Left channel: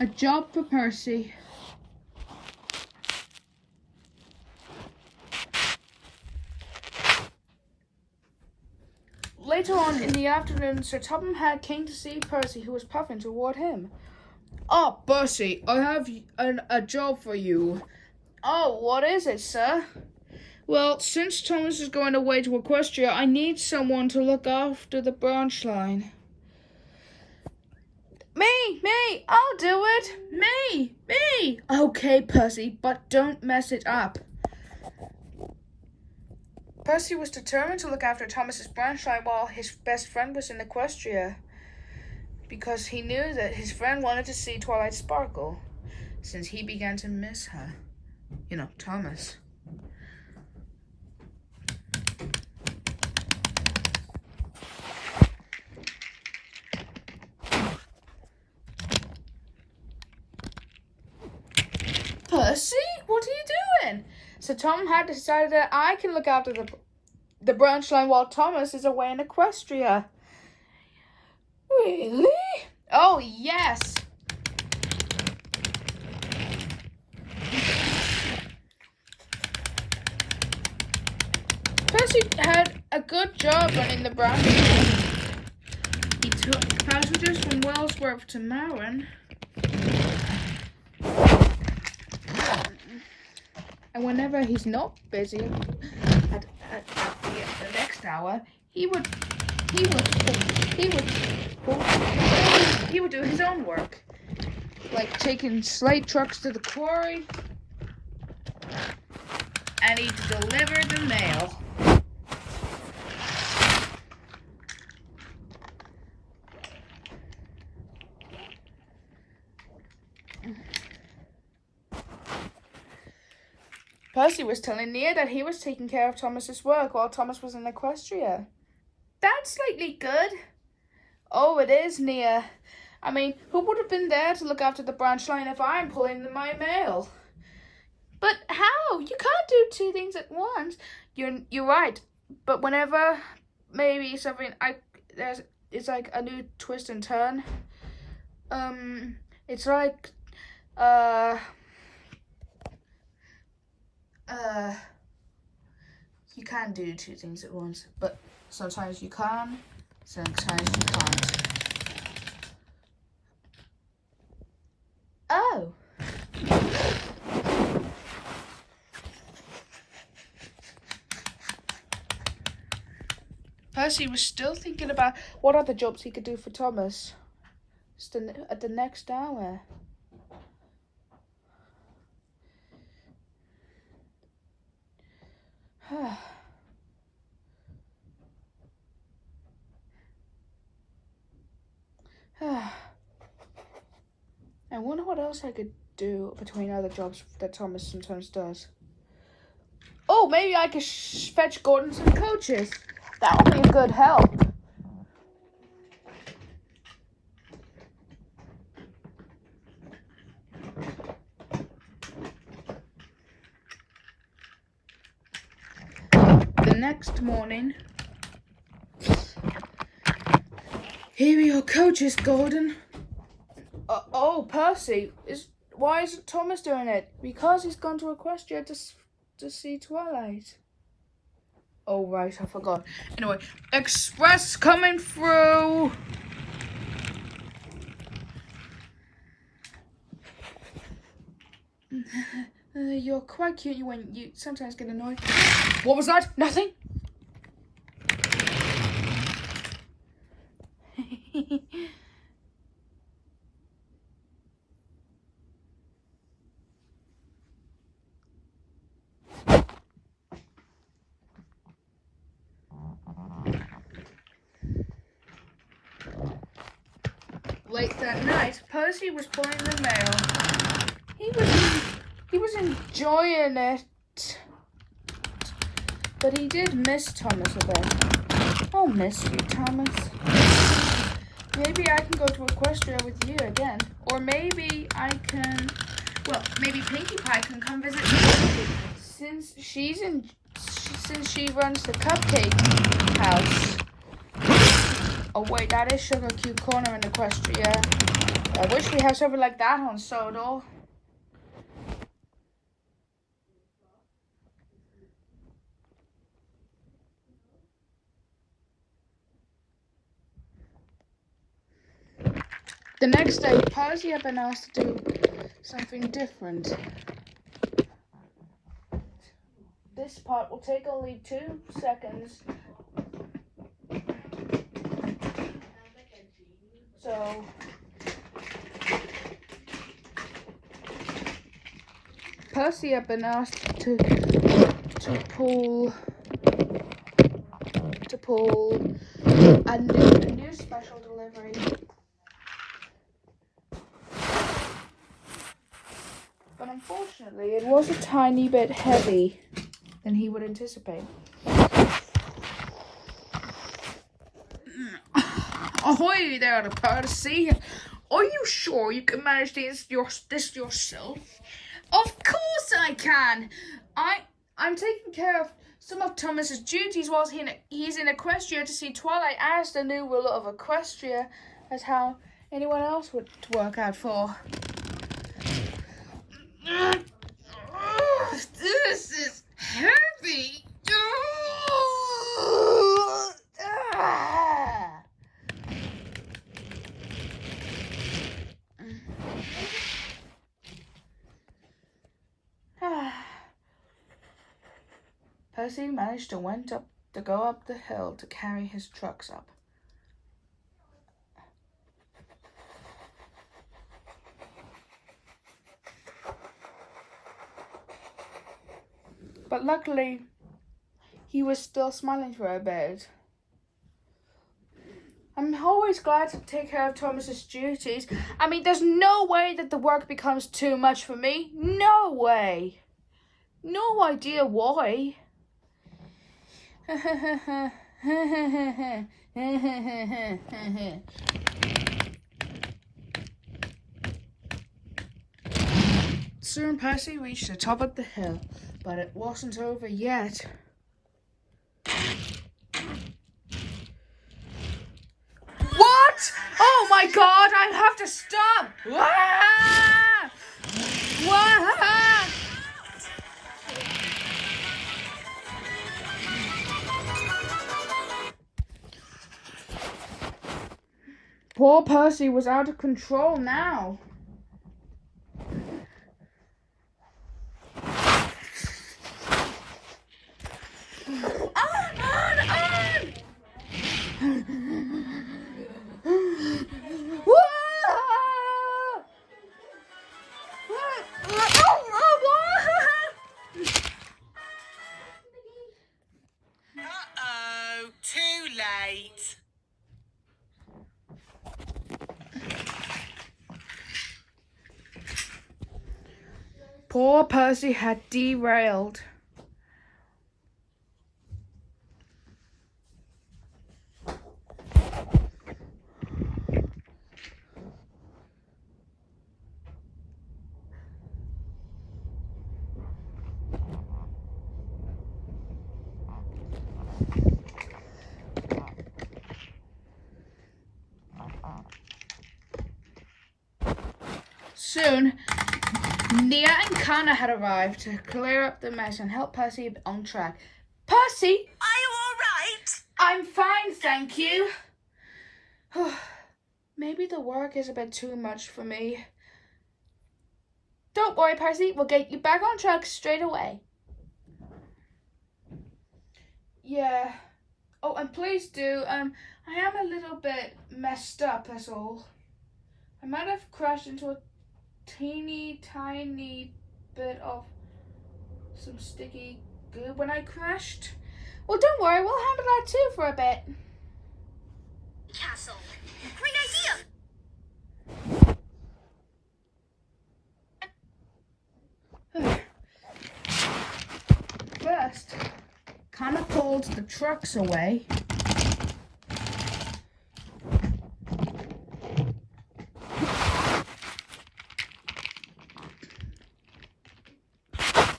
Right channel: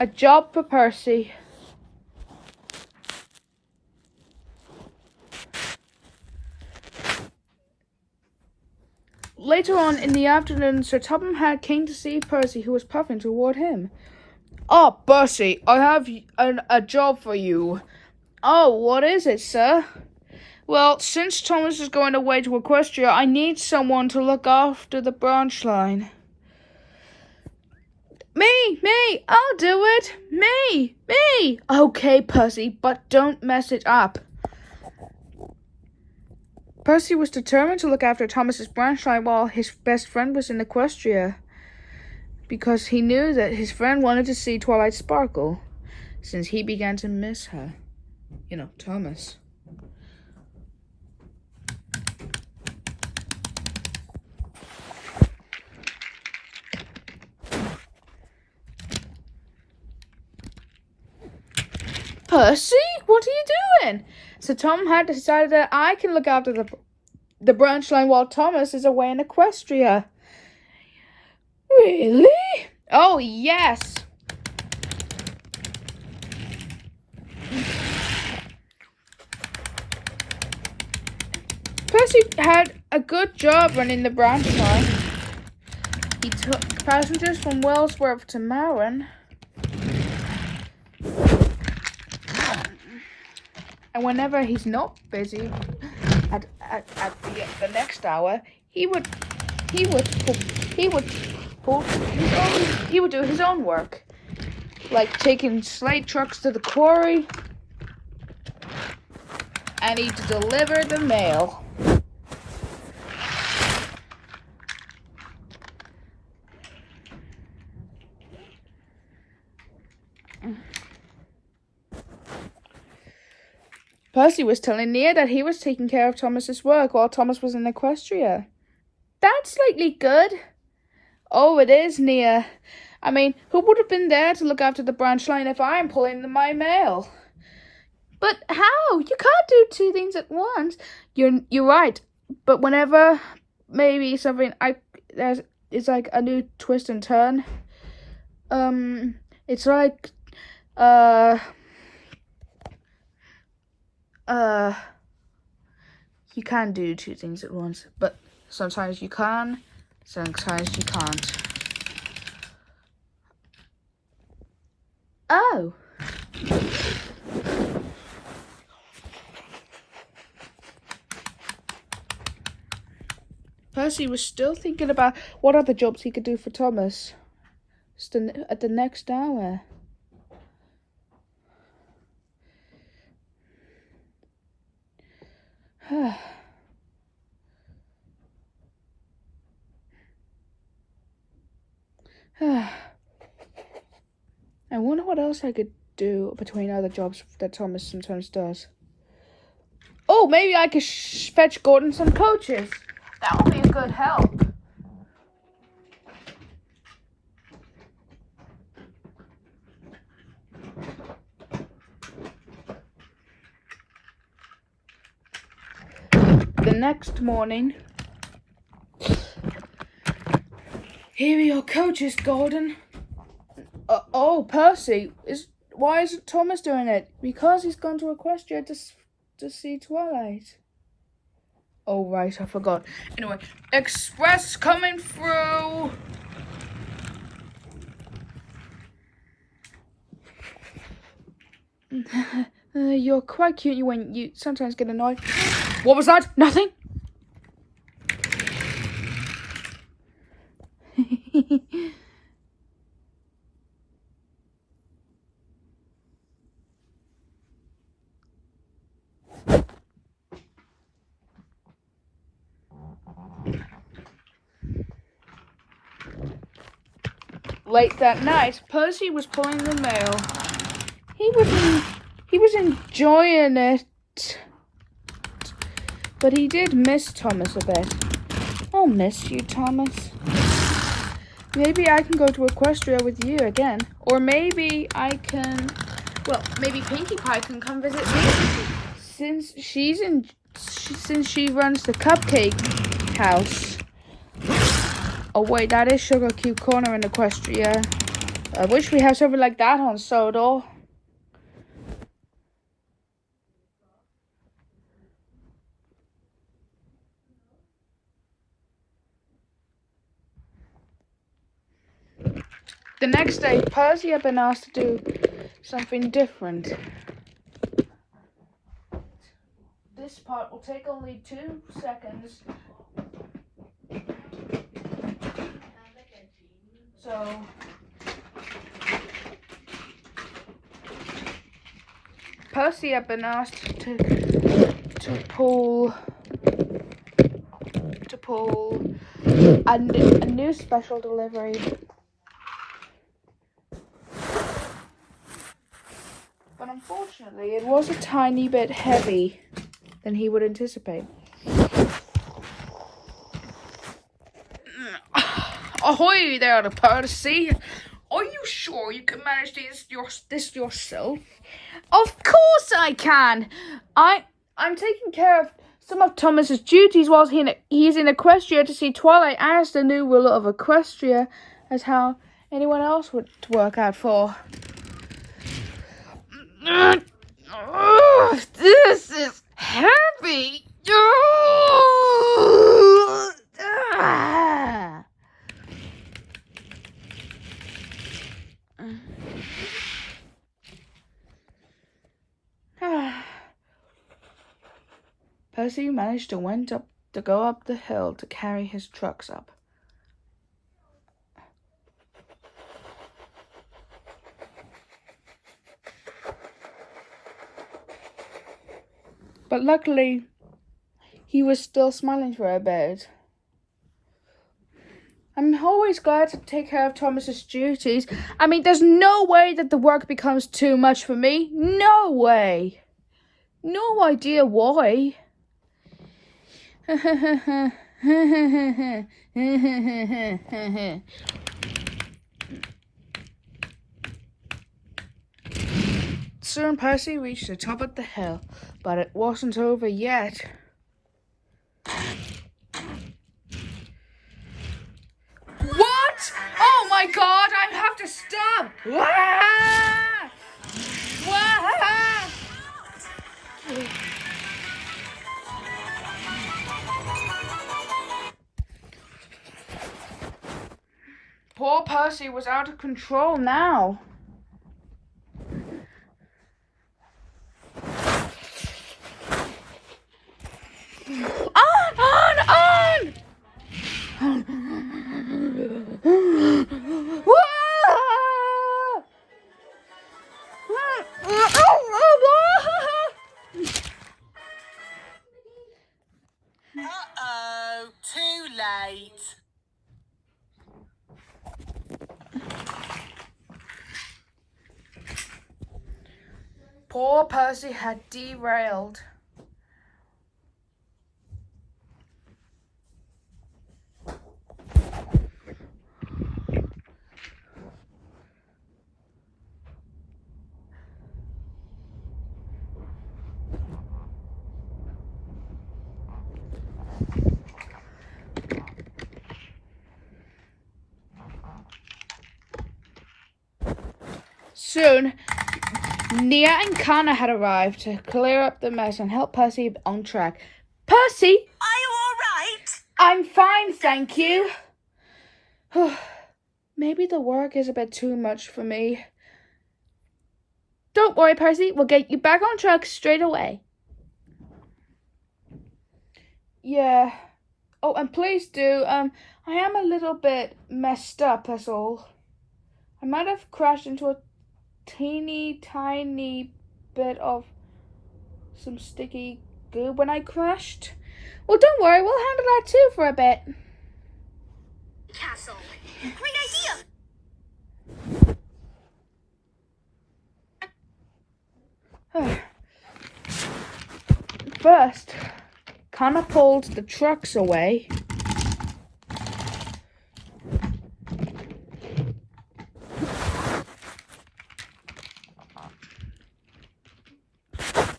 A job for Percy. Later on in the afternoon, Sir Topham Hatt came to see Percy, who was puffing toward him. "Oh, Percy, I have a job for you." "Oh, what is it, sir?" "Well, since Thomas is going away to Equestria, I need someone to look after the branch line." Me, I'll do it. Me. "Okay, Percy, but don't mess it up." Percy was determined to look after Thomas's branch line while his best friend was in Equestria, because he knew that his friend wanted to see Twilight sparkle, since he began to miss her. Thomas. "Percy, what are you doing?" So Tom had decided that I can look after the branch line while Thomas is away in Equestria. "Really?" "Oh, yes." Percy had a good job running the branch line. He took passengers from Wellsworth to Marin. And whenever he's not busy at the next hour, he would do his own work, like taking slate trucks to the quarry, and he'd deliver the mail. Percy was telling Nia that he was taking care of Thomas's work while Thomas was in Equestria. "That's slightly good." "Oh, it is, Nia. I mean, who would have been there to look after the branch line if I'm pulling my mail?" "But how? You can't do two things at once." You're right. But whenever maybe something it's like a new twist and turn. It's like You can do two things at once, but sometimes you can, sometimes you can't. Oh. Percy was still thinking about what other jobs he could do for Thomas at the next hour. I wonder what else I could do between other jobs that Thomas sometimes does. Oh, maybe I could fetch Gordon some coaches. That would be a good help. The next morning. Here are your coaches, Gordon. Oh, Percy. Why isn't Thomas doing it? Because he's gone to Equestria to see Twilight. Oh, right, I forgot. Anyway, Express coming through. You're quite cute when you sometimes get annoyed. What was that? Nothing? Late that night, Percy was pulling the mail. He was enjoying it, but he did miss Thomas a bit. I'll miss you, Thomas. Maybe I can go to Equestria with you again, or maybe I can. Well, maybe Pinkie Pie can come visit me since she runs the cupcake house. Oh wait, that is Sugar Cube Corner in Equestria. I wish we had something like that on Sodor. The next day, Percy had been asked to do something different. This part will take only 2 seconds. So, Percy had been asked to pull a new special delivery. But unfortunately, it was a tiny bit heavy than he would anticipate. Ahoy there, Percy! Are you sure you can manage this yourself? Of course I can! I'm taking care of some of Thomas's duties whilst he's in Equestria to see Twilight as the new ruler of Equestria, as how anyone else would work out for. This is heavy! Percy managed to go up the hill to carry his trucks up. But luckily, he was still smiling for a bit. I'm always glad to take care of Thomas's duties. I mean, there's no way that the work becomes too much for me. No way. No idea why. Soon Percy reached the top of the hill, but it wasn't over yet. What? Oh my God, I have to stop! Poor Percy was out of control now. On! Uh-oh, too late. Poor Percy had derailed. Soon, Nia and Connor had arrived to clear up the mess and help Percy on track. Percy! Are you all right? I'm fine, thank you. Maybe the work is a bit too much for me. Don't worry, Percy. We'll get you back on track straight away. Yeah. Oh, and please do. I am a little bit messed up, that's all. I might have crashed into a teeny tiny bit of some sticky goo when I crashed. Well, don't worry. We'll handle that too for a bit. Castle. Great idea. First, Connor pulled the trucks away.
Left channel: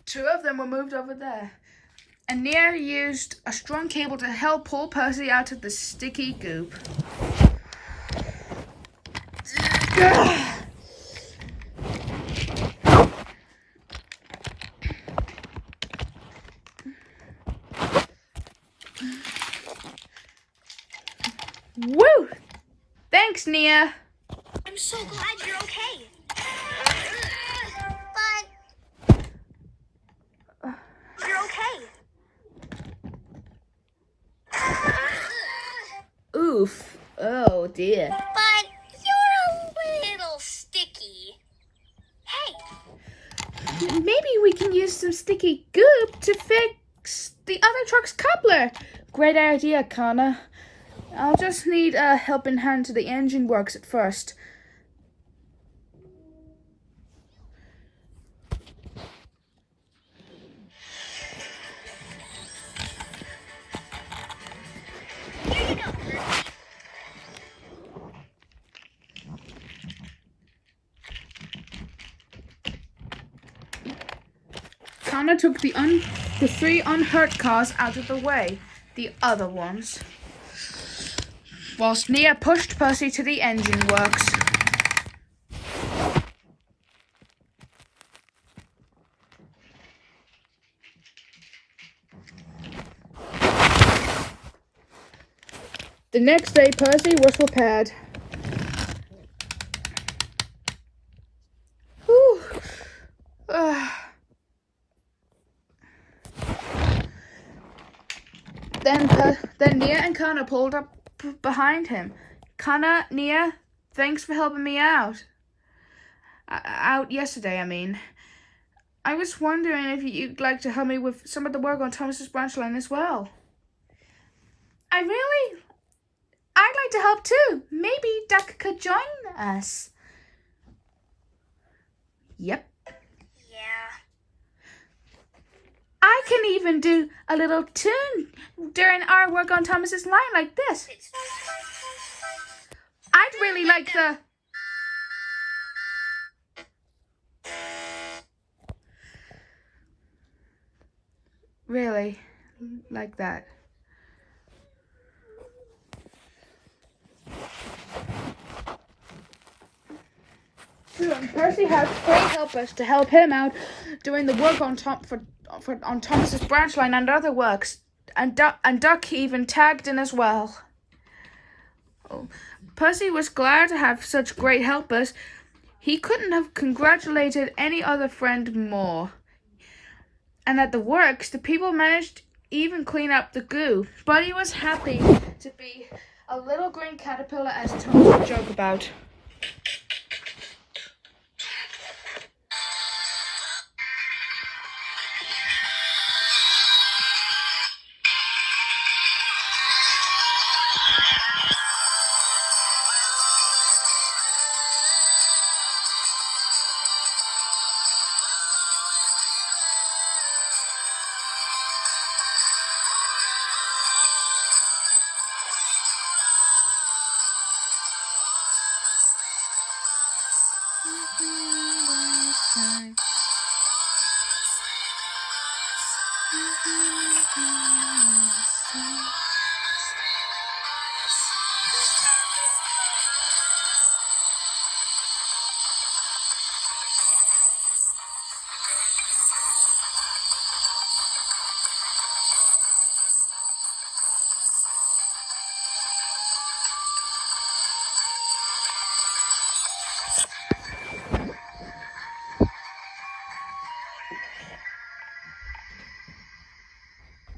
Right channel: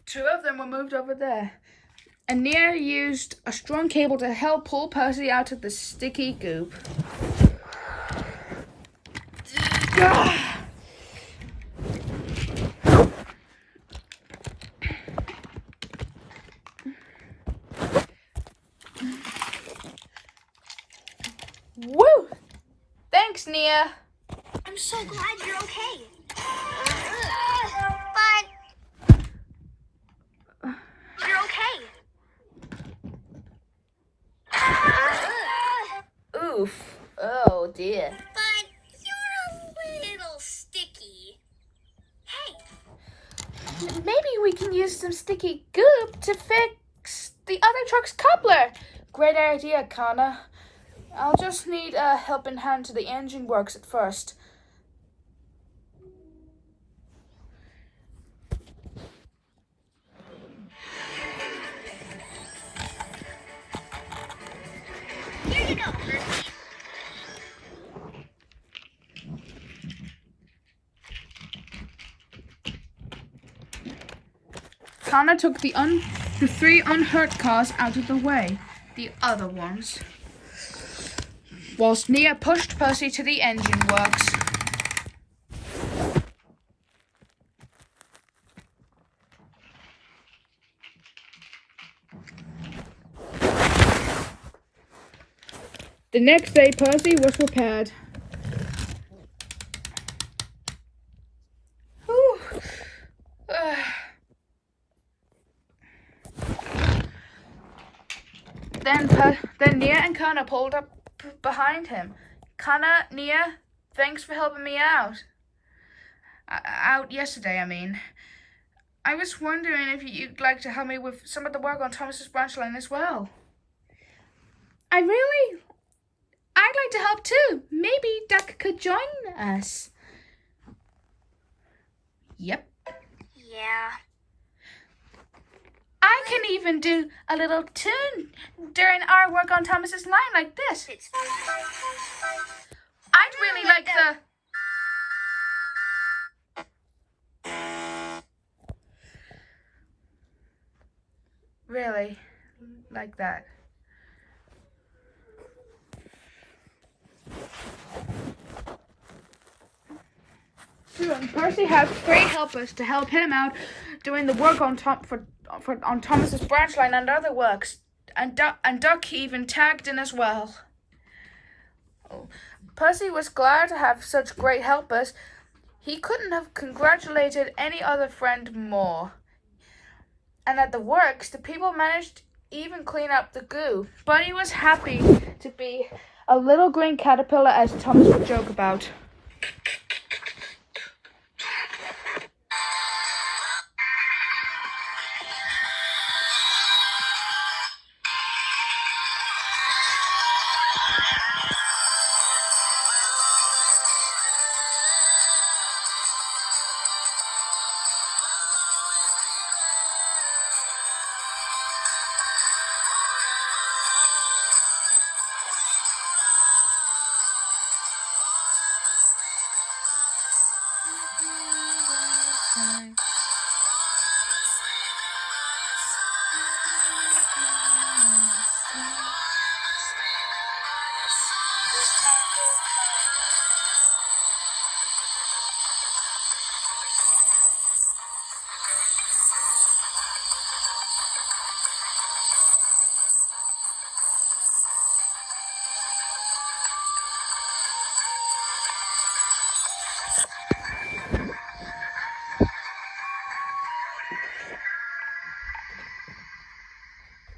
Two of them were moved over there. And Nia used a strong cable to help pull Percy out of the sticky goop. Woo! Thanks, Nia. I'm so glad you're okay. But you're okay. Oof. Oh, dear. But you're a little sticky. Hey. Maybe we can use some sticky goop to fix the other truck's coupler. Great idea, Connor. I'll just need a helping hand to the engine works at first. Here you go, Percy. Connor took the three unhurt cars out of the way, the other ones, whilst Nia pushed Percy to the engine works. The next day, Percy was prepared. Whew. Then Nia and Connor pulled up behind him. Connor, Nia, thanks for helping me out. Out yesterday, I mean. I was wondering if you'd like to help me with some of the work on Thomas's branch line as well. I'd like to help too. Maybe Duck could join us. Yep. Yeah. I can even do a little tune during our work on Thomas's line like this. I'd really like the... Really? Like that? Percy had three helpers to help him out doing the work on Thomas's branch line and other works, and Duck even tagged in as well. Oh. Percy was glad to have such great helpers. He couldn't have congratulated any other friend more. And at the works, the people managed to even clean up the goo. But he was happy to be a little green caterpillar, as Thomas would joke about.